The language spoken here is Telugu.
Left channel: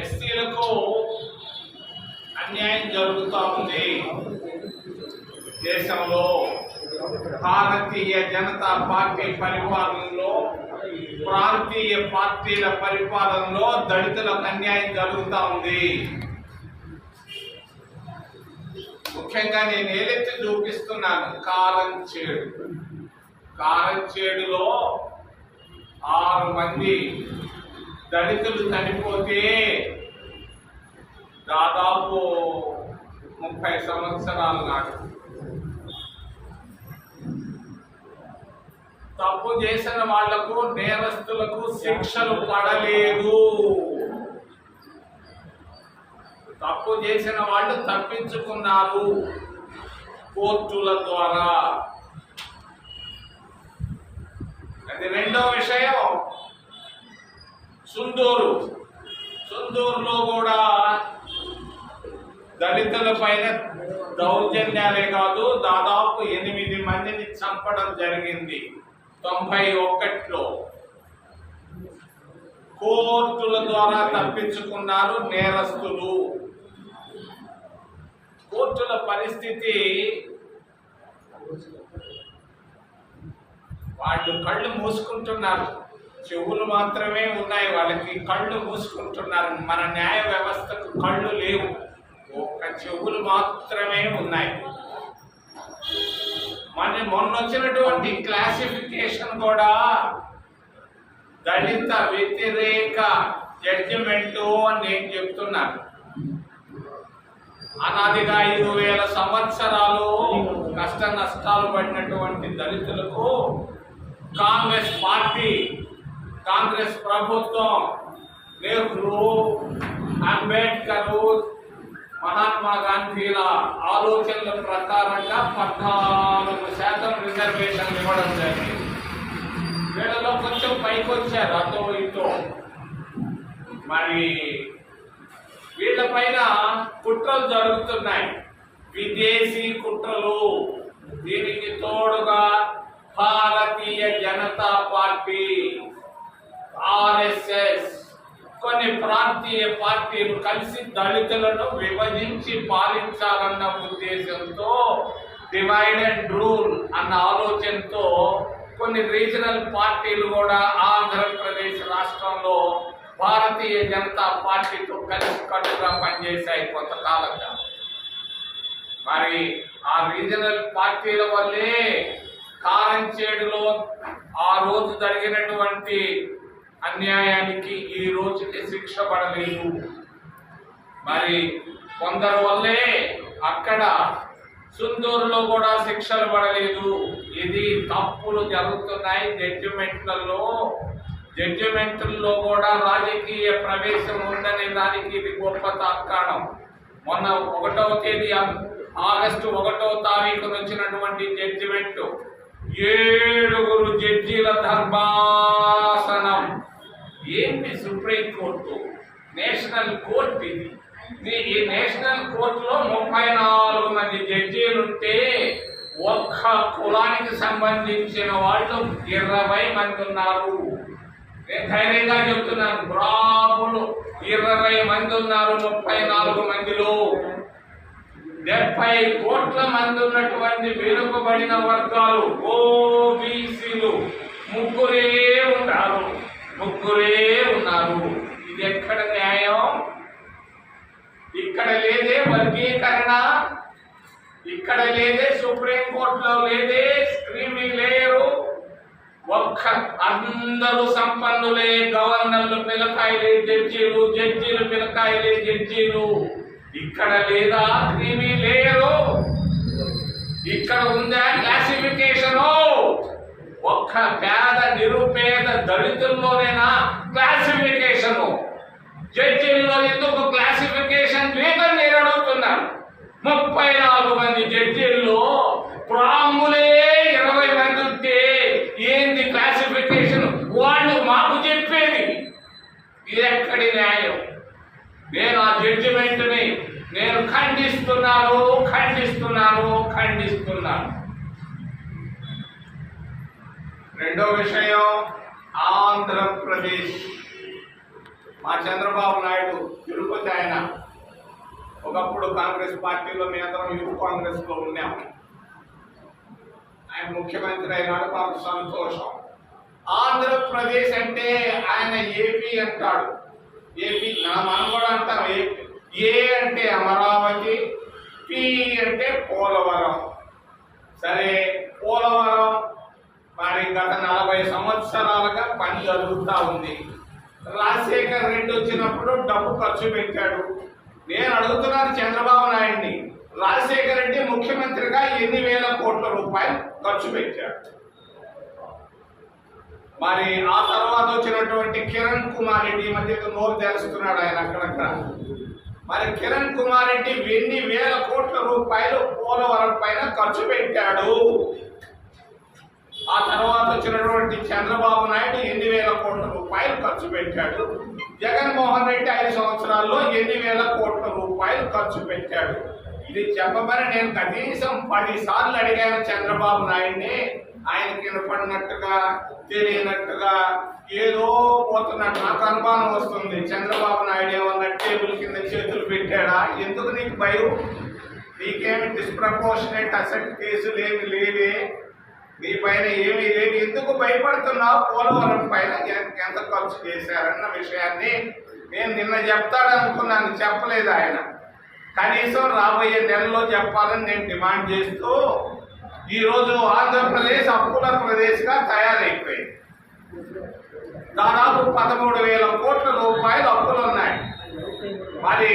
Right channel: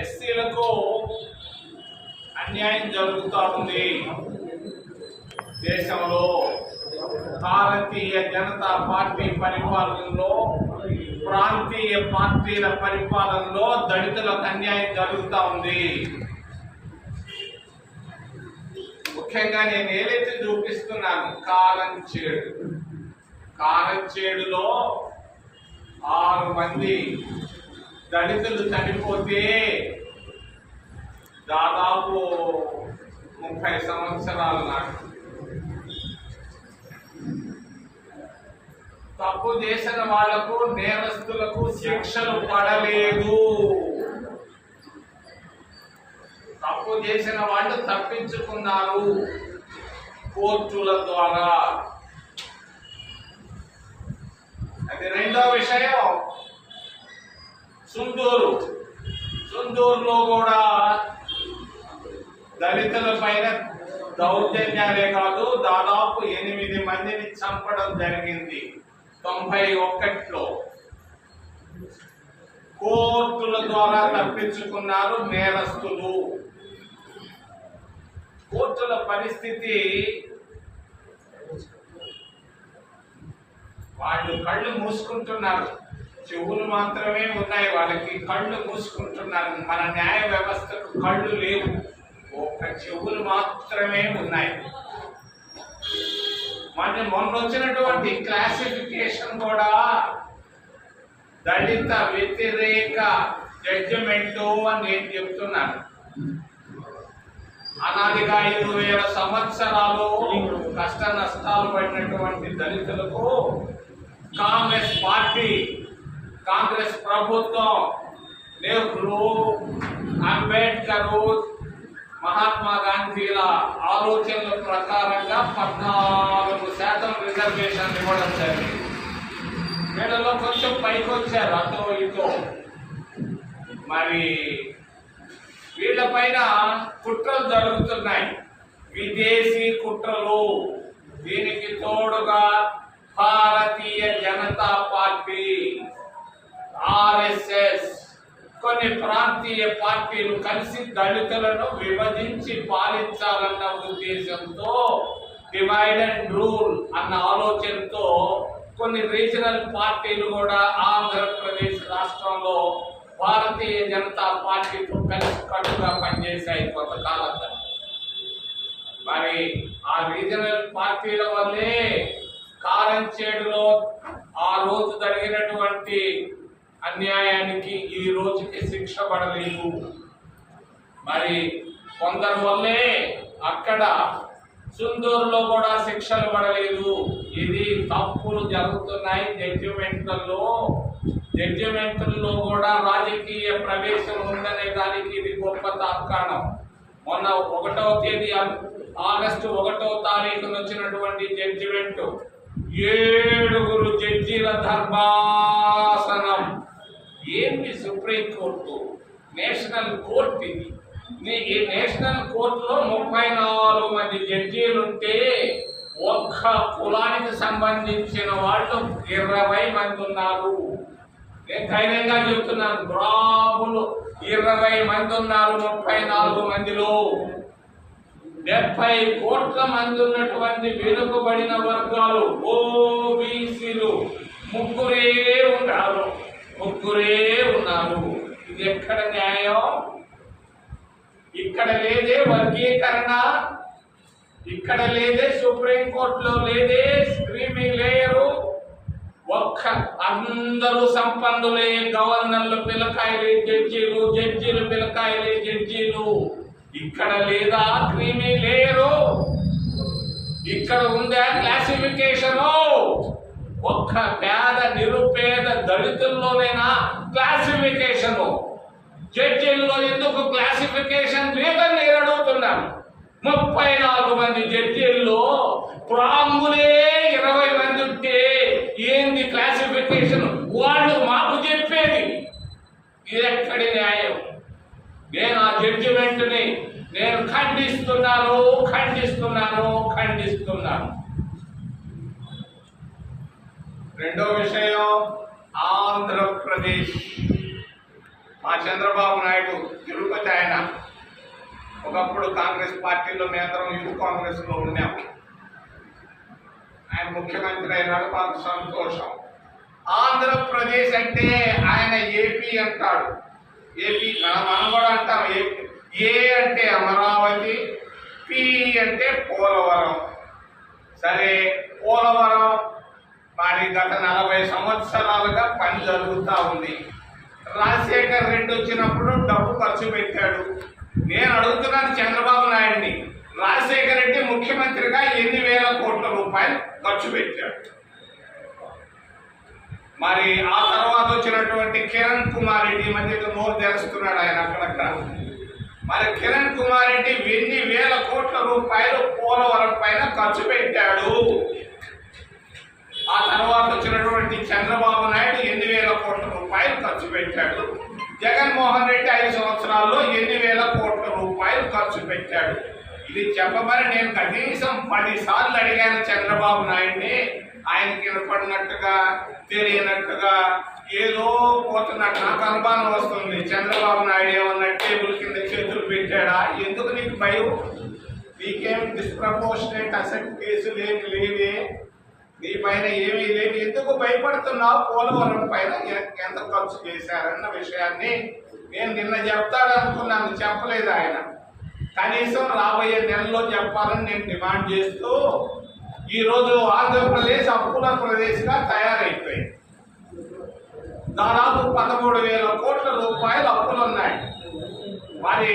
ఎస్సీలకు అన్యాయం జరుగుతూ ఉంది. దేశంలో భారతీయ జనతా పార్టీ పరిపాలనలో, ప్రాంతీయ పార్టీల పరిపాలనలో దళితులకు అన్యాయం జరుగుతూ ఉంది. ముఖ్యంగా నేను ఏలెత్తి చూపిస్తున్నాను కారంచేడులో 6 మంది దళితులు చనిపోతే దాదాపు 30 సంవత్సరాల నాడు తప్పు చేసిన వాళ్లకు, నేరస్తులకు శిక్షలు పడలేదు. తప్పు చేసిన వాళ్ళు తప్పించుకున్నారు కోర్టుల ద్వారా. అది రెండో విషయం. సుందూరులో కూడా దళితుల పైన దౌర్జన్యాలే కాదు, దాదాపు 8 మందిని చంపడం జరిగింది 91లో. కోర్టుల ద్వారా తప్పించుకున్నారు నేరస్తులు. కోర్టుల పరిస్థితి, వాళ్ళు కళ్ళు మూసుకుంటున్నారు, చెవులు మాత్రమే ఉన్నాయి వాళ్ళకి, కళ్ళు మూసుకుంటున్నారు. మన న్యాయ వ్యవస్థకు కళ్ళు లేవు, ఒక్క చెవులు మాత్రమే ఉన్నాయి. మొన్న వచ్చినటువంటి క్లాసిఫికేషన్ కూడా దళిత వ్యతిరేక జడ్జిమెంటు అని నేను చెప్తున్నాను. అనాదిగా 5,000 సంవత్సరాలు కష్ట నష్టాలు పడినటువంటి దళితులకు కాంగ్రెస్ ప్రభుత్వం, నెహ్రూ, అంబేద్కర్, మహాత్మా గాంధీల ఆలోచనల ప్రకారంగా 14% రిజర్వేషన్ ఇవ్వడం జరిగింది. వీళ్ళలో కొంచెం పైకి వచ్చారు అటో ఇటో. మరి వీళ్ళ పైన కుట్రలు జరుగుతున్నాయి, విదేశీ కుట్రలు. దీనికి తోడుగా భారతీయ జనతా పార్టీ, ఆర్ఎస్ఎస్, కొన్ని ప్రాంతీయ పార్టీలు కలిసి దళితులను విభజించి పాలించాలన్న ఉద్దేశంతో, డివైడ్ అండ్ రూల్ అన్న ఆలోచనతో కొన్ని రీజనల్ పార్టీలు కూడా ఆంధ్రప్రదేశ్ రాష్ట్రంలో భారతీయ జనతా పార్టీతో కలిసి కట్టుగా పనిచేశాయి కొంతకాలంగా. మరి ఆ రీజనల్ పార్టీల వల్లే కారంచేడులో ఆ రోజు జరిగినటువంటి అన్యాయానికి ఈ రోజుకి శిక్ష పడలేదు. మరి కొందరు వల్లే అక్కడ సుందూరులో కూడా శిక్షలు పడలేదు. ఇది తప్పులు జరుగుతున్నాయి జడ్జిమెంట్లలో కూడా రాజకీయ ప్రవేశం ఉందనే దానికి ఇది గొప్ప తార్కాణం. మొన్న 1వ తేదీ ఆగస్టు 1వ తారీఖున వచ్చినటువంటి జడ్జిమెంట్ 7 జడ్జీల ధర్మాసనం. ఏంటి సుప్రీంకోర్టు, నేషనల్ కోర్టు ఇది. ఈ నేషనల్ కోర్టులో 34 మంది జడ్జీలుంటే ఒక్క కులానికి సంబంధించిన వాళ్ళు 20 మంది ఉన్నారు. నేను ధైర్యంగా చెప్తున్నాను, బ్రాహ్మణులు 20 మంది ఉన్నారు 34 మందిలో. 70 కోట్ల మంది ఉన్నటువంటి వెనుకబడిన వర్గాలు ఓబీసీలు 3 ఉన్నారు. ఇది ఎక్కడ న్యాయం? ఇక్కడ లేదే వర్గీకరణ, ఇక్కడ లేదే సుప్రీంకోర్టులో లేదే స్క్రీమీ లేయరు. అందరూ సంపన్నులే, గవర్నర్లు పిలకాయలే జడ్జీలు, జడ్జీలు పిలకాయలే జడ్జీలు. ఇక్కడ లేదా క్రీమీ లేయరు? ఇక్కడ ఉందా క్లాసిఫికేషను? ఒక్క పేద నిరుపేద దళితుల్లోనైనా క్లాసిఫికేషను? జడ్జీల్లో ఎందుకు క్లాసిఫికేషన్ లేదని నేను అడుగుతున్నాను. 34 మంది జడ్జీల్లో బ్రాహ్మణులే 20 మంది ఉంటే ఏంది క్లాసిఫికేషన్? వాళ్ళు మాకు చెప్పేది ఇది ఎక్కడి న్యాయం? నేను ఆ జడ్జిమెంట్ని నేను ఖండిస్తున్నాను. రెండో విషయం, ఆంధ్రప్రదేశ్ మా చంద్రబాబు నాయుడు తిరుపతి ఆయన ఒకప్పుడు కాంగ్రెస్ పార్టీలో మేమందరం యూత్ కాంగ్రెస్లో ఉన్నాము. ఆయన ముఖ్యమంత్రి అయినాడు, మాకు సంతోషం. ఆంధ్రప్రదేశ్ అంటే ఆయన ఏపీ అంటాడు. ఏపీ మనం కూడా అంటాం. ఏ అంటే అమరావతి, పి అంటే పోలవరం. సరే, పోలవరం మరి గత 40 సంవత్సరాలుగా పని జరుగుతూ ఉంది. రాజశేఖర్ రెడ్డి వచ్చినప్పుడు డబ్బు ఖర్చు పెట్టాడు. నేను అడుగుతున్నాను చంద్రబాబు నాయుడిని, రాజశేఖర్ రెడ్డి ముఖ్యమంత్రిగా ఎన్ని వేల కోట్ల రూపాయలు ఖర్చు పెట్టాడు? మరి ఆ తర్వాత వచ్చినటువంటి కిరణ్ కుమార్ రెడ్డి మధ్య నోరు తెలుస్తున్నాడు ఆయన అక్కడక్కడ. మరి కిరణ్ కుమార్ రెడ్డి ఎన్ని వేల కోట్ల రూపాయలు పోలవరం పైన ఖర్చు పెట్టాడు? ఆ తర్వాత వచ్చినటువంటి చంద్రబాబు నాయుడు ఎన్ని వేల కోట్ల రూపాయలు ఖర్చు పెట్టాడు? జగన్మోహన్ రెడ్డి 5 సంవత్సరాల్లో ఎన్ని వేల కోట్ల రూపాయలు ఖర్చు పెట్టాడు? ఇది చెప్పమని నేను కనీసం 10 సార్లు అడిగాను చంద్రబాబు నాయుడిని. ఆయనకి వినపడినట్టుగా తెలియనట్టుగా ఏదో పోతున్నట్టు నాకు అనుమానం వస్తుంది. చంద్రబాబు నాయుడు ఏమన్నా టేబుల్ కింద చేతులు పెట్టాడా? ఎందుకు నీకు భయం? నీకేమి డిస్ప్రపోర్షనేట్ అసెట్ కేసులు ఏమి లేవే, నీ పైన ఏమీ లేవు, ఎందుకు భయపడుతున్నావు? పోలవరం పైన ఎంత ఖర్చు చేశారన్న విషయాన్ని నేను నిన్న చెప్తాడనుకున్నాను, చెప్పలేదు ఆయన. కనీసం రాబోయే నెలలో చెప్పాలని నేను డిమాండ్ చేస్తూ ఈరోజు ఆంధ్రప్రదేశ్ అప్పుల ప్రదేశ్గా తయారైపోయింది. దాదాపు 13,000 కోట్ల రూపాయలు అప్పులు ఉన్నాయి. మరి